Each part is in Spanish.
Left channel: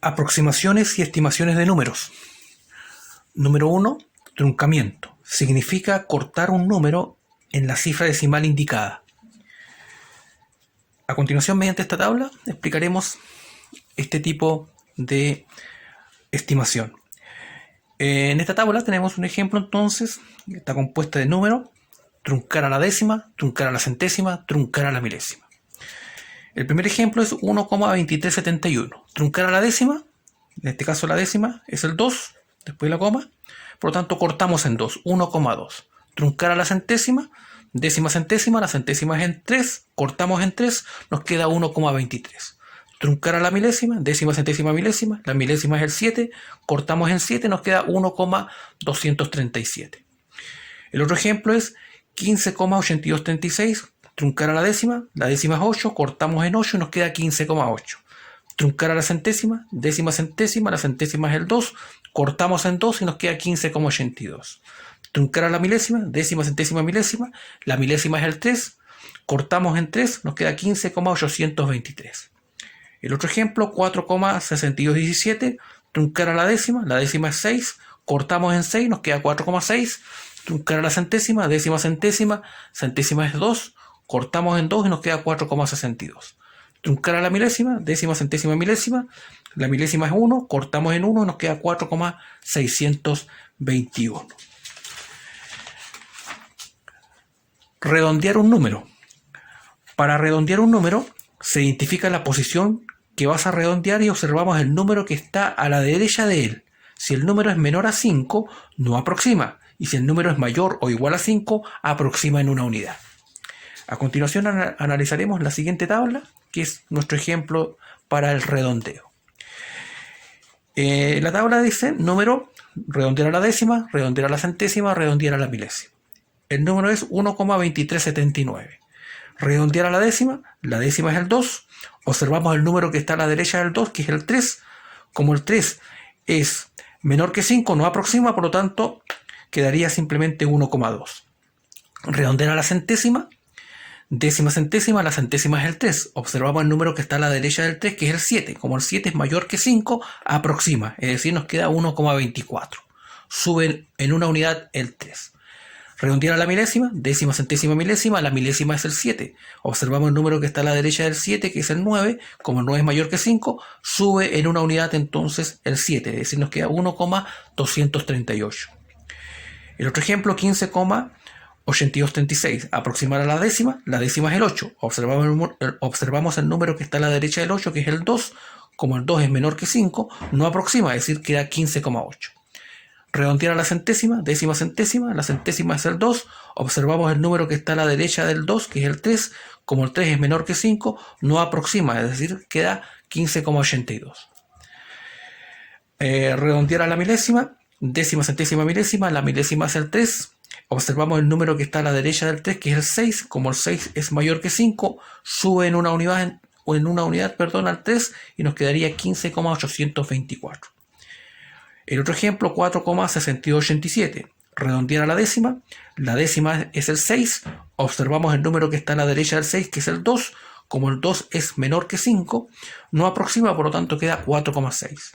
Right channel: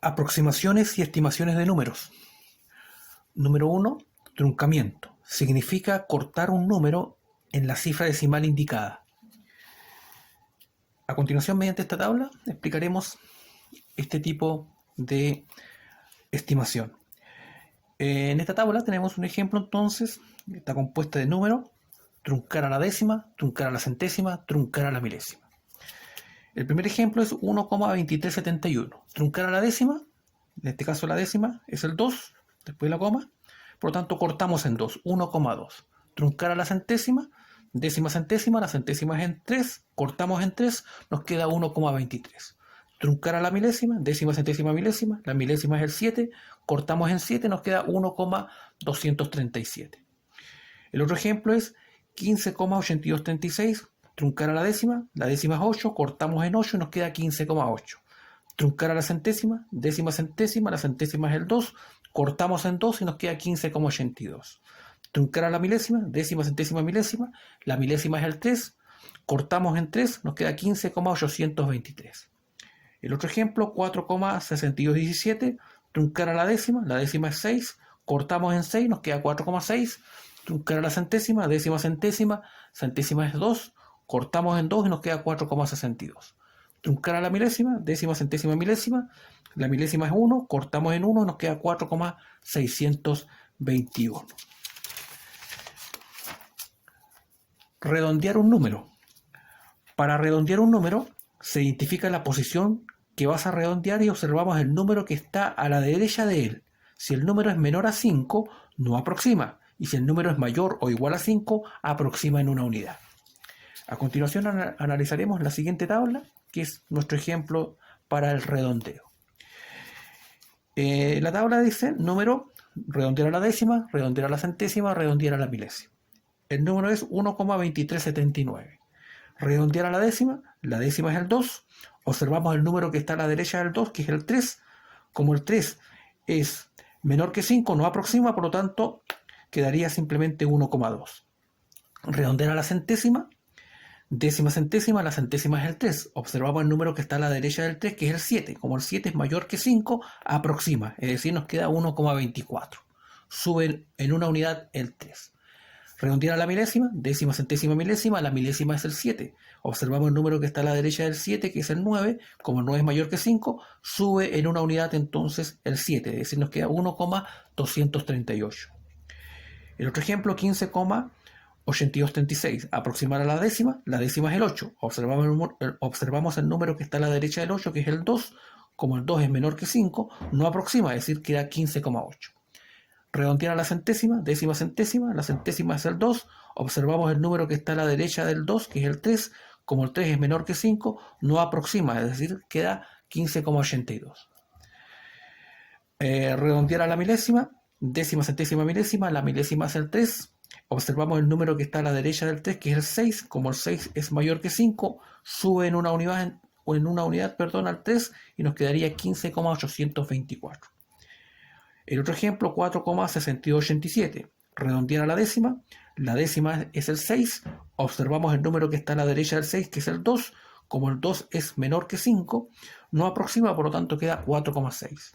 Aproximaciones y estimaciones de números. Número 1. Truncamiento. Significa cortar un número en la cifra decimal indicada. A continuación, mediante esta tabla, explicaremos este tipo de estimación. En esta tabla tenemos un ejemplo entonces, que está compuesta de números, truncar a la décima, truncar a la centésima, truncar a la milésima. El primer ejemplo es 1,2371. Truncar a la décima, en este caso la décima es el 2, después la coma, por lo tanto cortamos en 2, 1,2. Truncar a la centésima, décima centésima, la centésima es en 3, cortamos en 3, nos queda 1,23. Truncar a la milésima, décima centésima milésima, la milésima es el 7, cortamos en 7, nos queda 1,237. El otro ejemplo es 15,8236. Truncar a la décima es 8, cortamos en 8 y nos queda 15,8. Truncar a la centésima, décima centésima, la centésima es el 2, cortamos en 2 y nos queda 15,82. Truncar a la milésima, décima centésima milésima, la milésima es el 3, cortamos en 3, nos queda 15,823. El otro ejemplo, 4,6217, truncar a la décima es 6, cortamos en 6, nos queda 4,6. Truncar a la centésima, décima centésima, centésima es 2, cortamos en 2 y nos queda 4,62. Truncar a la milésima, décima centésima milésima, la milésima es 1, cortamos en 1 y nos queda 4,621. Redondear un número. Para redondear un número, se identifica la posición que vas a redondear y observamos el número que está a la derecha de él. Si el número es menor a 5, no aproxima. Y si el número es mayor o igual a 5, aproxima en una unidad. A continuación analizaremos la siguiente tabla, que es nuestro ejemplo para el redondeo. La tabla dice número, redondear a la décima, redondear a la centésima, redondear a la milésima. El número es 1,2379. Redondear a la décima es el 2. Observamos el número que está a la derecha del 2, que es el 3. Como el 3 es menor que 5, no aproxima, por lo tanto, quedaría simplemente 1,2. Redondear a la centésima, décima centésima, la centésima es el 3. Observamos el número que está a la derecha del 3, que es el 7. Como el 7 es mayor que 5, aproxima, es decir, nos queda 1,24. Sube en una unidad el 3. Redondear a la milésima, décima centésima milésima, la milésima es el 7. Observamos el número que está a la derecha del 7, que es el 9. Como el 9 es mayor que 5, sube en una unidad entonces el 7, es decir, nos queda 1,238. El otro ejemplo, 15,8236. Aproximar a la décima es el 8. Observamos el número que está a la derecha del 8, que es el 2. Como el 2 es menor que 5, no aproxima, es decir, queda 15,8. Redondear a la centésima, décima centésima, la centésima es el 2. Observamos el número que está a la derecha del 2, que es el 3. Como el 3 es menor que 5, no aproxima, es decir, queda 15,82. Redondear a la milésima, décima centésima milésima, la milésima es el 3. Observamos el número que está a la derecha del 3, que es el 6. Como el 6 es mayor que 5, sube en una unidad al 3 y nos quedaría 15,824. El otro ejemplo, 4,6287. Redondear a la décima es el 6. Observamos el número que está a la derecha del 6, que es el 2. Como el 2 es menor que 5, no aproxima, por lo tanto queda 4,6.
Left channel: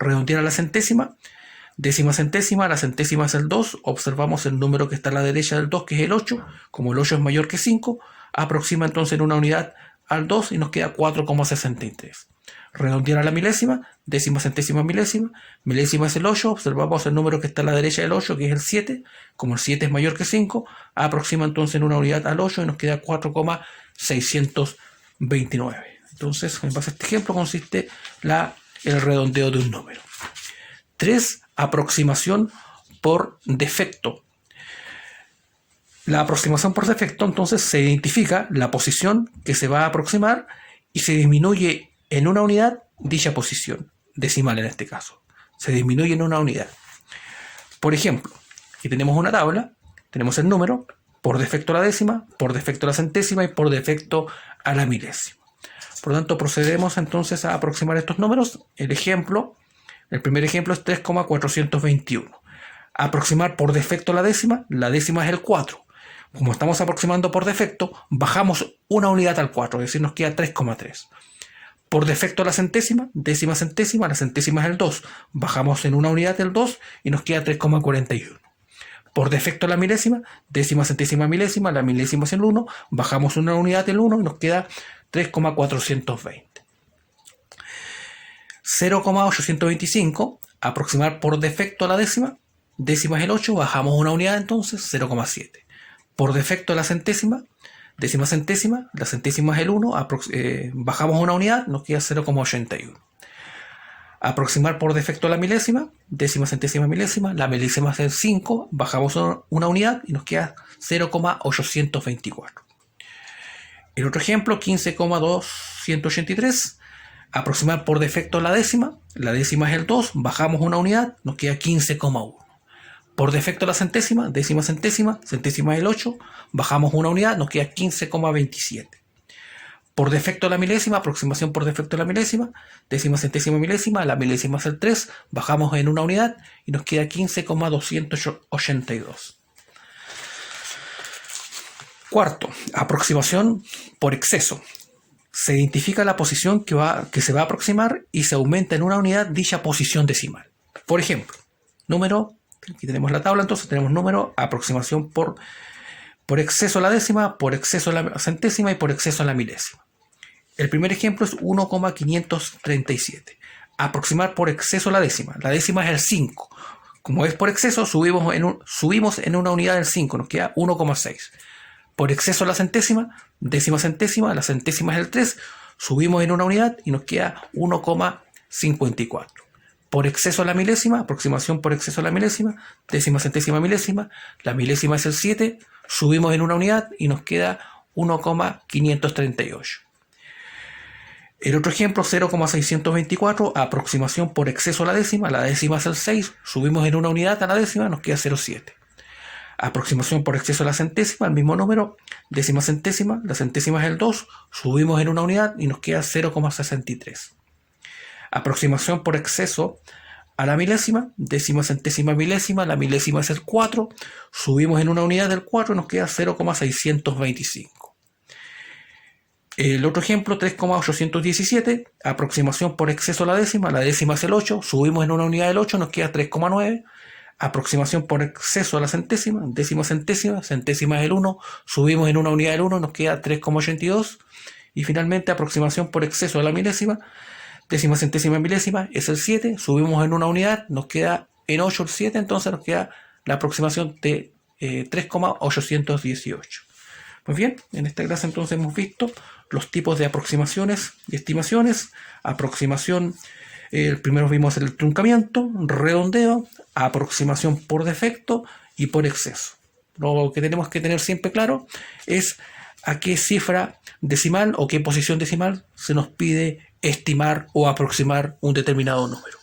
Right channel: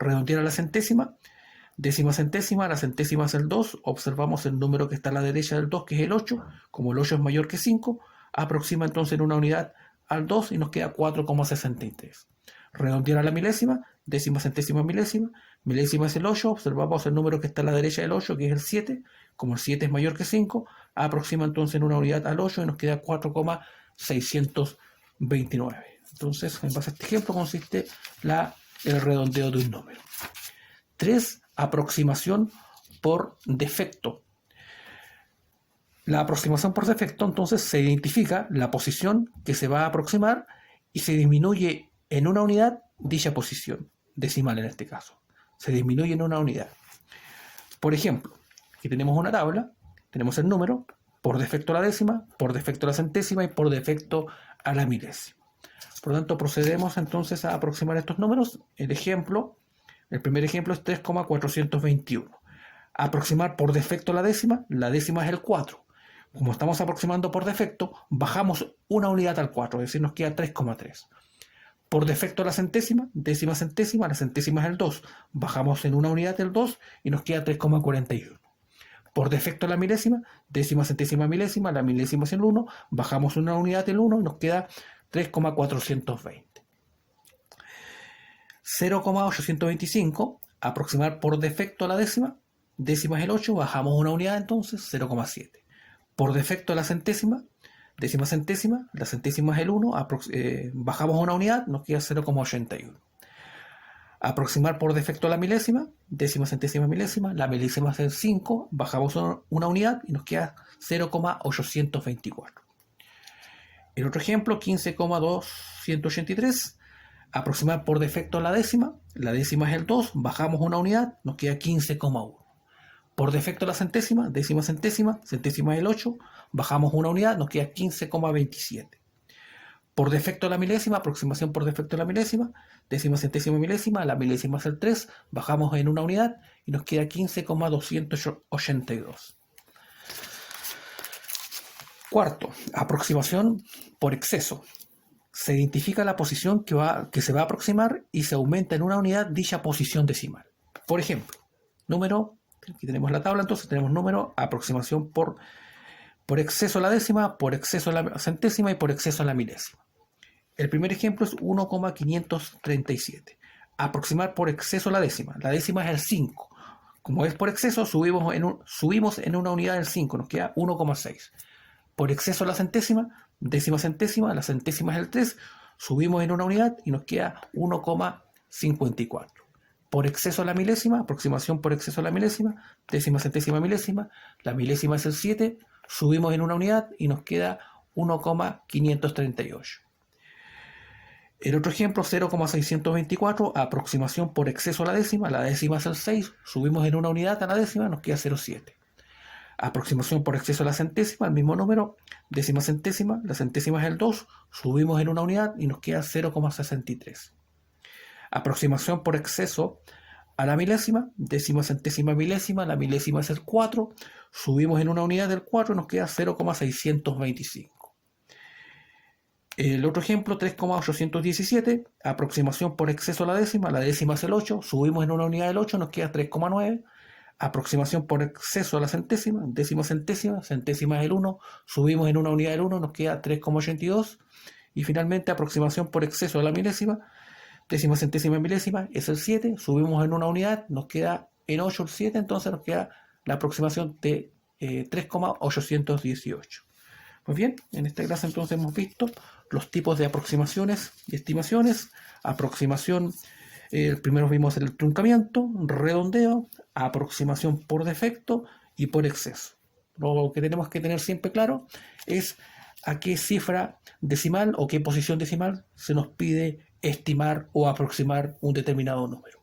Redondear a la centésima, décima centésima, la centésima es el 2. Observamos el número que está a la derecha del 2, que es el 8. Como el 8 es mayor que 5, aproxima entonces en una unidad al 2 y nos queda 4,63. Redondear a la milésima, décima centésima milésima, milésima es el 8, observamos el número que está a la derecha del 8, que es el 7, como el 7 es mayor que 5, aproxima entonces en una unidad al 8 y nos queda 4,629. Entonces, en base a este ejemplo consiste el redondeo de un número. 3. Aproximación por defecto. La aproximación por defecto, entonces, se identifica la posición que se va a aproximar y se disminuye en una unidad dicha posición, decimal en este caso. Se disminuye en una unidad. Por ejemplo, aquí tenemos una tabla, tenemos el número, por defecto a la décima, por defecto a la centésima y por defecto a la milésima. Por lo tanto, procedemos entonces a aproximar estos números. El primer ejemplo es 3,421. Aproximar por defecto a la décima es el 4. Como estamos aproximando por defecto, bajamos una unidad al 4, es decir, nos queda 3,3. Por defecto la centésima, décima centésima, la centésima es el 2. Bajamos en una unidad del 2 y nos queda 3,41. Por defecto la milésima, décima centésima milésima, la milésima es el 1. Bajamos una unidad del 1 y nos queda 3,420. 0,825, aproximar por defecto la décima. Décima es el 8, bajamos una unidad entonces, 0,7. Por defecto la centésima, décima centésima, la centésima es el 1, bajamos una unidad, nos queda 0,81. Aproximar por defecto la milésima, décima centésima milésima, la milésima es el 5, bajamos una unidad y nos queda 0,824. El otro ejemplo, 15,283, aproximar por defecto la décima es el 2, bajamos una unidad, nos queda 15,1. Por defecto la centésima, décima centésima, centésima es el 8, bajamos una unidad, nos queda 15,27. Por defecto la milésima, aproximación por defecto la milésima, décima centésima milésima, la milésima es el 3, bajamos en una unidad y nos queda 15,282. Cuarto, aproximación por exceso. Se identifica la posición que se va a aproximar y se aumenta en una unidad dicha posición decimal. Por ejemplo, número, aquí tenemos la tabla, entonces tenemos número, aproximación por exceso a la décima, por exceso a la centésima y por exceso a la milésima. El primer ejemplo es 1,537. Aproximar por exceso a la décima. La décima es el 5. Como es por exceso, subimos en una unidad del 5, nos queda 1,6. Por exceso a la centésima, décima centésima, la centésima es el 3, subimos en una unidad y nos queda 1,54. Por exceso a la milésima, aproximación por exceso a la milésima, décima centésima milésima, la milésima es el 7, subimos en una unidad y nos queda 1,538. El otro ejemplo, 0,624, aproximación por exceso a la décima es el 6, subimos en una unidad a la décima, nos queda 0,7. Aproximación por exceso a la centésima, el mismo número, décima centésima, la centésima es el 2, subimos en una unidad y nos queda 0,63. Aproximación por exceso a la milésima, décima centésima milésima, la milésima es el 4, subimos en una unidad del 4 y nos queda 0,625. El otro ejemplo, 3,817, aproximación por exceso a la décima es el 8, subimos en una unidad del 8, nos queda 3,9. Aproximación por exceso a la centésima, décima centésima, centésima es el 1, subimos en una unidad del 1, nos queda 3,82. Y finalmente, aproximación por exceso a la milésima, décima centésima milésima es el 7, subimos en una unidad, nos queda en 8 el 7, entonces nos queda la aproximación de 3,818. Pues bien, en esta clase entonces hemos visto los tipos de aproximaciones y estimaciones. Aproximación, el primero vimos el truncamiento, redondeo, aproximación por defecto y por exceso. Lo que tenemos que tener siempre claro es a qué cifra decimal o qué posición decimal se nos pide estimar o aproximar un determinado número.